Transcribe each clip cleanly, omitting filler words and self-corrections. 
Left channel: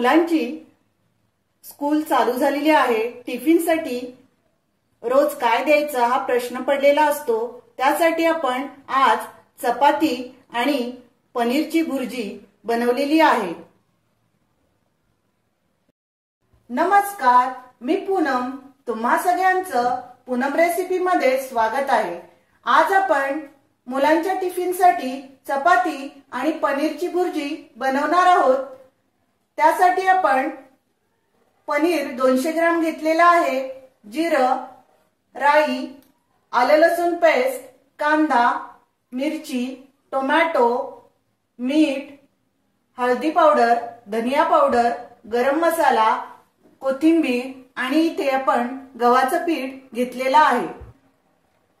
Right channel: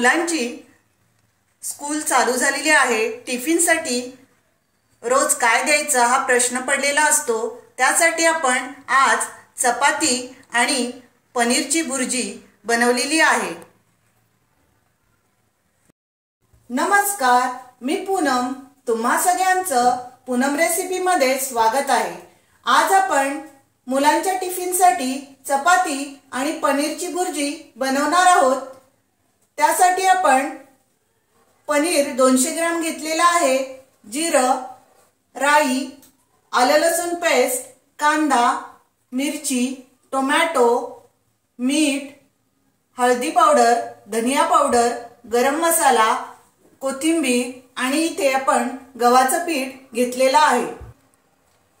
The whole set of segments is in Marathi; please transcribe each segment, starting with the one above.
मुलांची स्कूल चालू झालेली आहे। टिफिनसाठी रोज काय द्यायचं हा प्रश्न पडलेला असतो। त्यासाठी आपण आज चपाती आणि पनीरची भुर्जी बनवलेली आहे। नमस्कार, मी पूनम, तुम्हा सगळ्यांचं पूनम रेसिपी मध्ये स्वागत आहे। आज आपण मुलांच्या टिफिनसाठी चपाती आणि पनीरची भुर्जी बनवणार आहोत। त्यासाठी आपण पनीर 200 ग्रॅम घेतलेला आहे। जिरं, राई, आलं लसूण पेस्ट, कांदा, मिरची, टोमॅटो, मीठ, हळदी पावडर, धनिया पावडर, गरम मसाला, कोथिंबीर आणि इथे आपण गव्हाचं पीठ घेतलेलं आहे।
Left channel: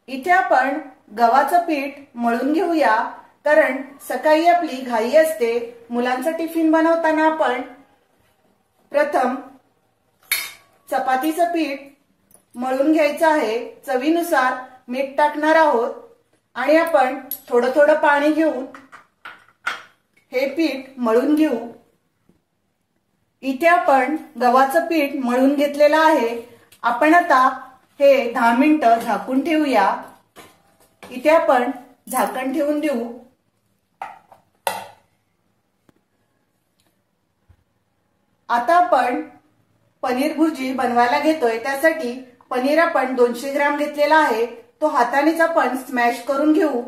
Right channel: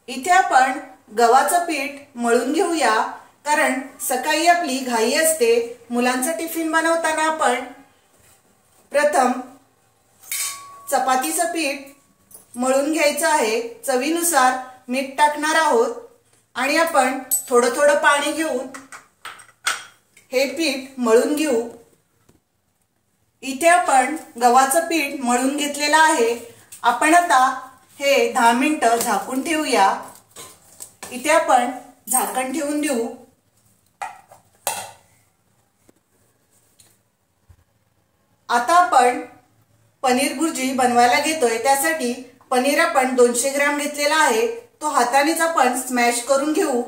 इथे आपण गव्हाचं पीठ मळून घेऊया, कारण सकाळी आपली घाई असते। मुलांचा टिफिन बनवताना आपण प्रथम चपातीचं पीठ मळून घ्यायचं आहे। चवीनुसार मीठ टाकणार आहोत आणि आपण थोडं थोडं पाणी घेऊन हे पीठ मळून घेऊ। इथे आपण गव्हाचं पीठ मळून घेतलेलं आहे। आपण आता हे 10 मिनिटं झाकून ठेवूया। इथे आपण झाकण ठेवून देऊ। आता आपण पनीर भुर्जी बनवायला घेतोय। त्यासाठी पनीर आपण 200 ग्रॅम घेतलेला आहे। तो हातानेच आपण स्मॅश करून घेऊ।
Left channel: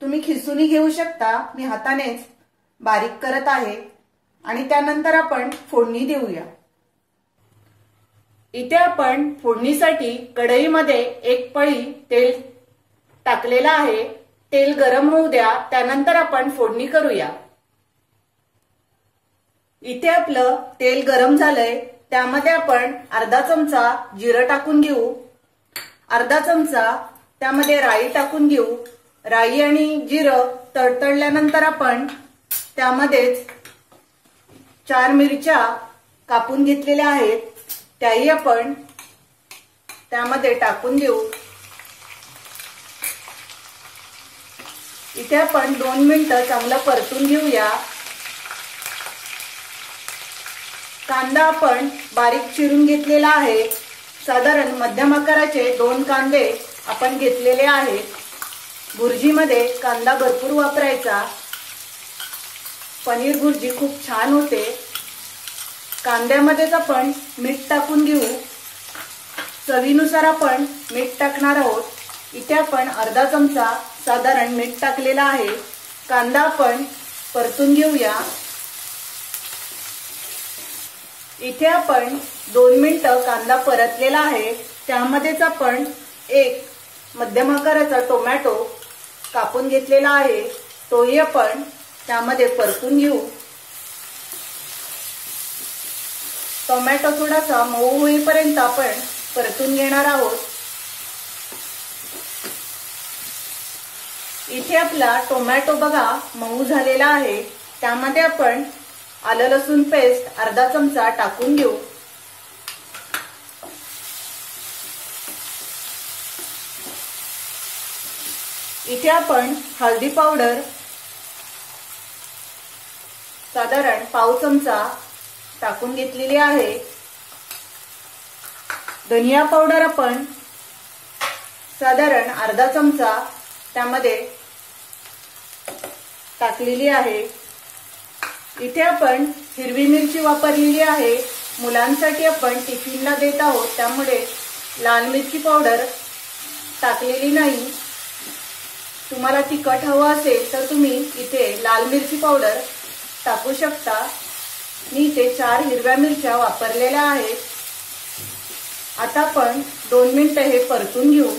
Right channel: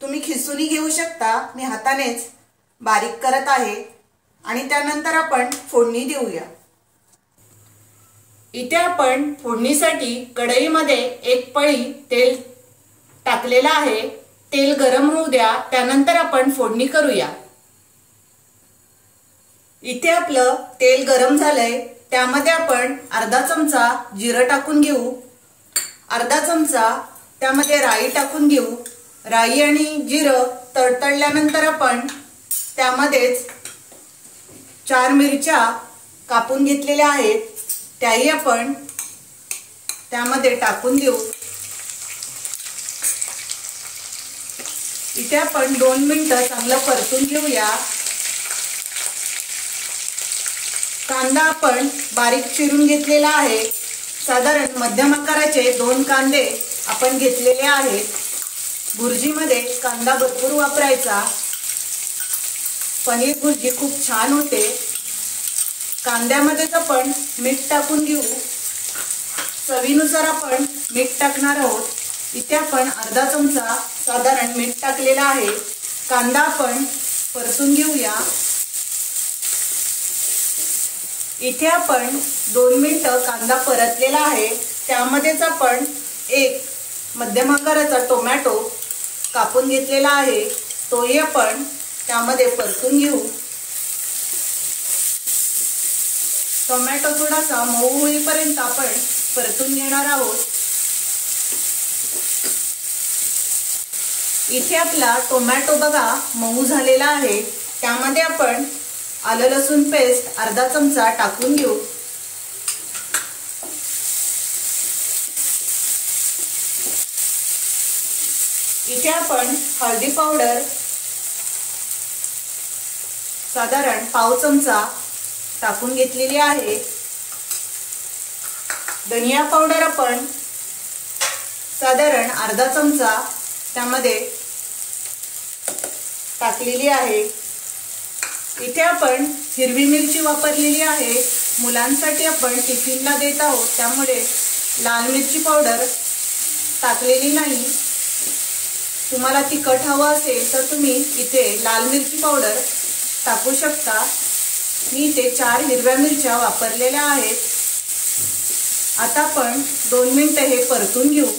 तुम्ही खिसूनी घेऊ शकता, मी हातानेच बारीक करत आहे आणि त्यानंतर आपण फोडणी देऊया। इथे आपण फोडणीसाठी कढईमध्ये एक पळी तेल टाकलेलं आहे। तेल गरम होऊ द्या, त्यानंतर आपण फोडणी करूया। इथे आपलं तेल गरम झालंय, त्यामध्ये आपण अर्धा चमचा जिरं टाकून घेऊ। अर्धा चमचा त्यामध्ये राई टाकून घेऊ। राई आणि जिरं तडतडल्यानंतर आपण त्यामध्येच 4 मिरच्या कापून घेतलेल्या आहेत, त्याही आपण त्यामध्ये टाकून देऊ। इथे आपण 2 मिनिटं चांगलं परतून घेऊया। कांदा आपण बारीक चिरून घेतलेला आहे। साधारण मध्यम आकाराचे 2 कांदे आपण घेतलेले आहेत। भुर्जीमध्ये कांदा भरपूर वापरायचा, पनीर भुर्जी खूप छान होते। कांद्यामध्येच आपण मीठ टाकून देऊ। चवीनुसार आपण मीठ टाकणार आहोत। इथे आपण अर्धा चमचा साधारण मीठ टाकलेला आहे। कांदा आपण परतून घेऊया। इथे आपण 2 मिनिटं कांदा परतलेला आहे। त्यामध्येच आपण एक मध्यम आकाराचा टोमॅटो कापून घेतलेला आहे, तोही आपण त्यामध्ये परतून घेऊ। टोमॅटो थोडासा मऊ होईपर्यंत आपण परतून घेणार आहोत। इथे आपला टोमॅटो बघा मऊ झालेला आहे। त्यामध्ये आपण आलं लसूण पेस्ट अर्धा चमचा टाकून घेऊ। इथे आपण हळदी पावडर साधारण पाव चमचा टाकून घेतलेली आहे। धनिया पावडर आपण साधारण अर्धा चमचा त्यामध्ये टाकलेली आहे। इथे आपण हिरवी मिरची वापरलेली आहे। मुलांसाठी आपण टिफिनला देत आहोत, त्यामुळे लाल मिरची पावडर टाकलेली नाही। तुम्हाला तिखट हवं असेल तर तुम्ही इथे लाल मिरची पावडर टाकू शकता। मी इथे 4 हिरव्या मिरच्या वापरलेल्या आहेत। आता आपण 2 मिनिटं हे परतून घेऊ।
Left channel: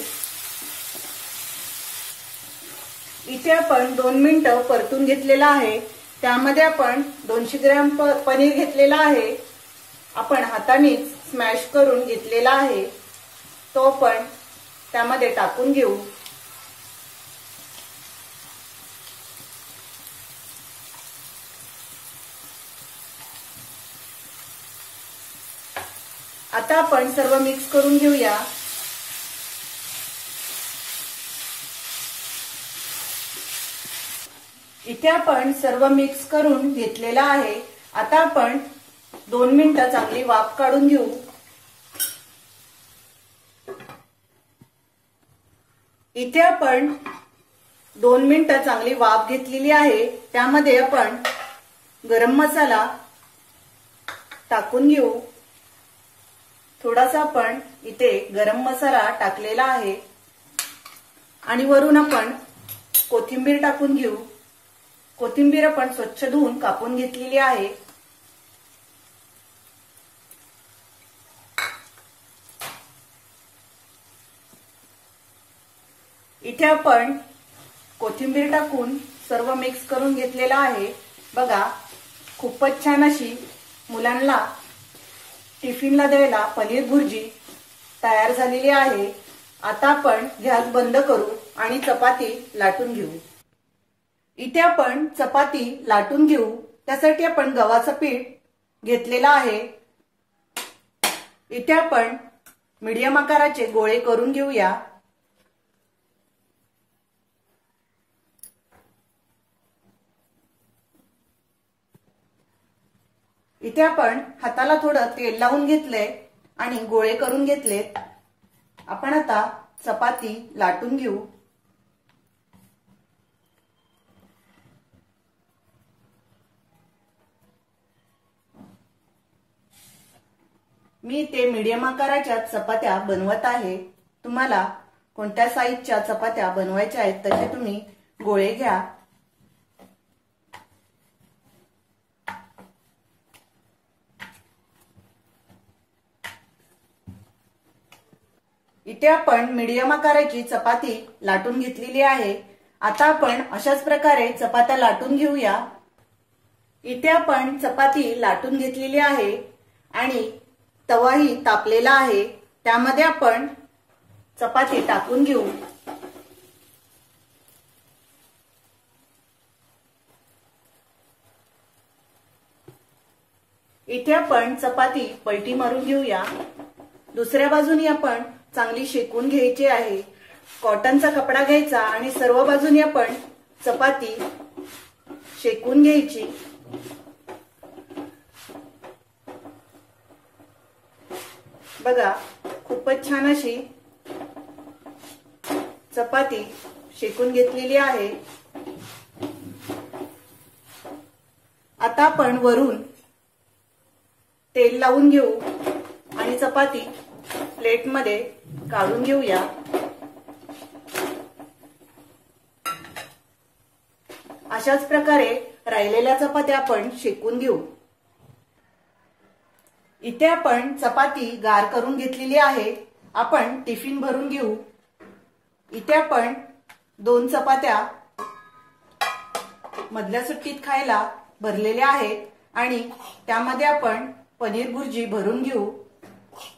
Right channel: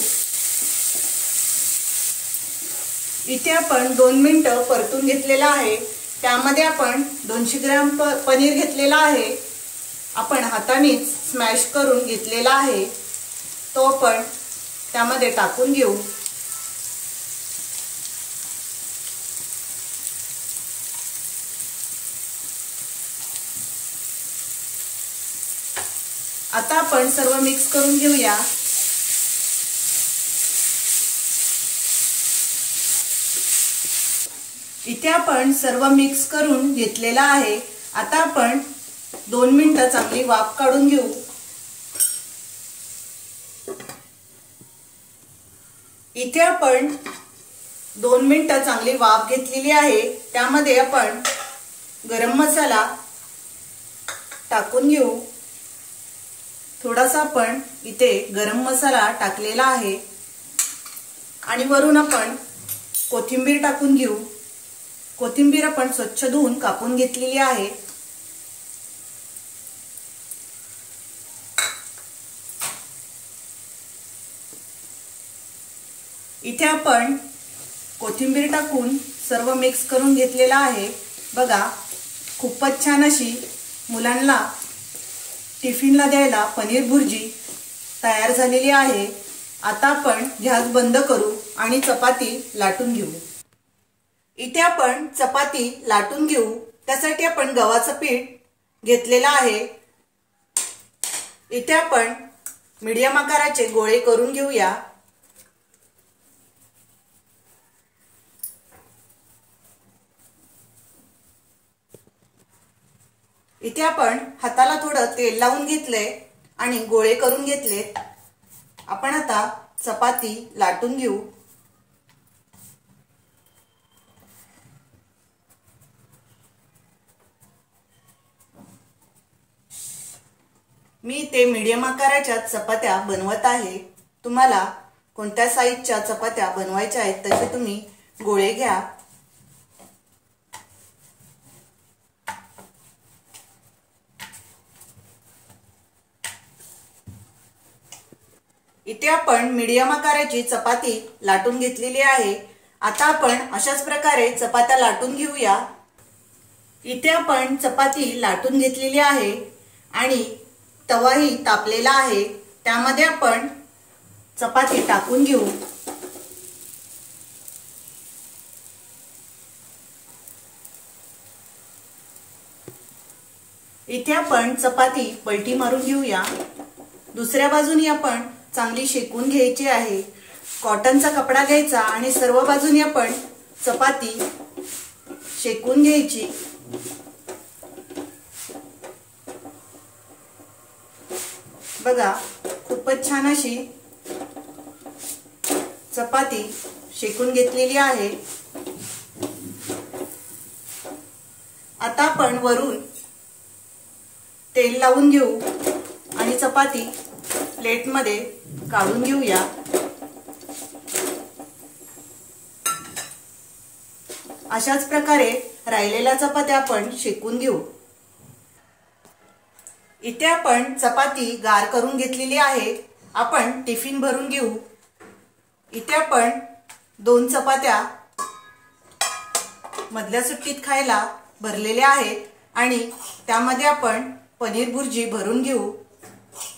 इथे आपण 2 मिनिटं परतून घेतलेला आहे। त्यामध्ये आपण 200 ग्रॅम पनीर घेतलेला आहे। आपण हातानेच स्मॅश करून घेतलेला आहे, तो आपण त्यामध्ये टाकून घेऊ। आता आपण सर्व मिक्स करून घेऊया। इथे आपण सर्व मिक्स करून घेतलेला आहे। आता आपण 2 मिनिटं चांगली वाफ काढून घेऊ। इथे आपण 2 मिनिटं चांगली वाफ घेतलेली आहे। त्यामध्ये आपण गरम मसाला टाकून घेऊ। थोडासा आपण इथे गरम मसाला टाकलेला आहे आणि वरून आपण कोथिंबीर टाकून घेऊ। कोथिंबीर आपण स्वच्छ धुवून कापून घेतलेली आहे। इथे आपण कोथिंबीर टाकून सर्व मिक्स करून घेतलेला आहे। बघा, खूपच छान अशी मुलांना टिफिनला द्यायला पनीर भुर्जी तयार झालेली आहे। आता आपण गॅस बंद करू आणि चपाती लाटून घेऊ। इथे आपण चपाती लाटून घेऊ। त्यासाठी आपण गव्हाचं पीठ घेतलेलं आहे। इथे आपण मीडियम आकाराचे गोळे करून घेऊया। इथे आपण हाताला थोडं तेल लावून घेतले आणि गोळे करून घेतले। आपण आता चपाती लाटून घेऊ। मी इथे मीडियम आकाराच्या चपात्या बनवत आहे। तुम्हाला कोणत्या साईजच्या चपात्या बनवायच्या आहेत तसे तुम्ही गोळे घ्या। इथे आपण मीडियम आकाराची चपाती लाटून घेतलेली आहे। आता आपण अशाच प्रकारे चपात्या लाटून घेऊया। इथे आपण चपाती लाटून घेतलेली आहे आणि तवाही तापलेला आहे। त्यामध्ये आपण चपाती टाकून घेऊ। इथे आपण चपाती पलटी मारून घेऊया। दुसऱ्या बाजूने आपण चांगली शेकून घ्यायची आहे। कॉटनचा कपडा घ्यायचा आणि सर्व बाजूने आपण चपाती शेकून घ्यायची। बघा, खूपच छान अशी चपाती शेकून घेतलेली आहे। आता आपण वरून तेल लावून घेऊ आणि चपाती प्लेटमध्ये काढून घेऊया। अशाच प्रकारे राहिलेल्या चपात्या आपण शेकून घेऊ। इथे आपण चपाती गार करून घेतलेली आहे। आपण टिफिन भरून घेऊ। इथे आपण 2 चपात्या मधल्या सुट्टीत खायला भरलेल्या आहेत आणि त्यामध्ये आपण पनीर भुर्जी भरून घेऊ।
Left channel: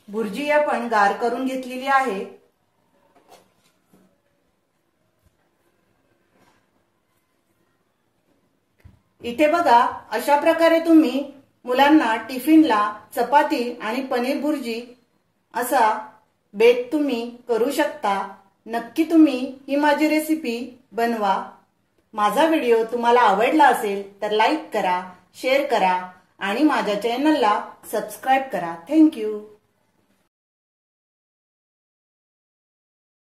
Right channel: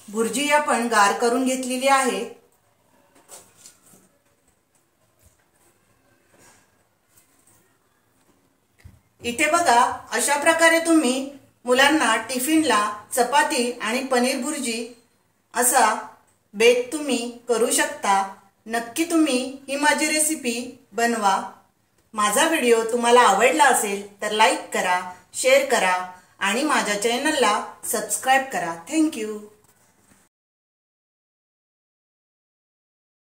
भुर्जी आपण गार करून घेतलेली आहे। इथे बघा, अशा प्रकारे तुम्ही मुलांना टिफिनला चपाती आणि पनीर भुर्जी असा बेत तुम्ही करू शकता। नक्की तुम्ही ही माझी रेसिपी बनवा। माझा व्हिडिओ तुम्हाला आवडला असेल तर लाईक करा, शेअर करा आणि माझ्या चॅनलला सबस्क्राइब करा। Thank you.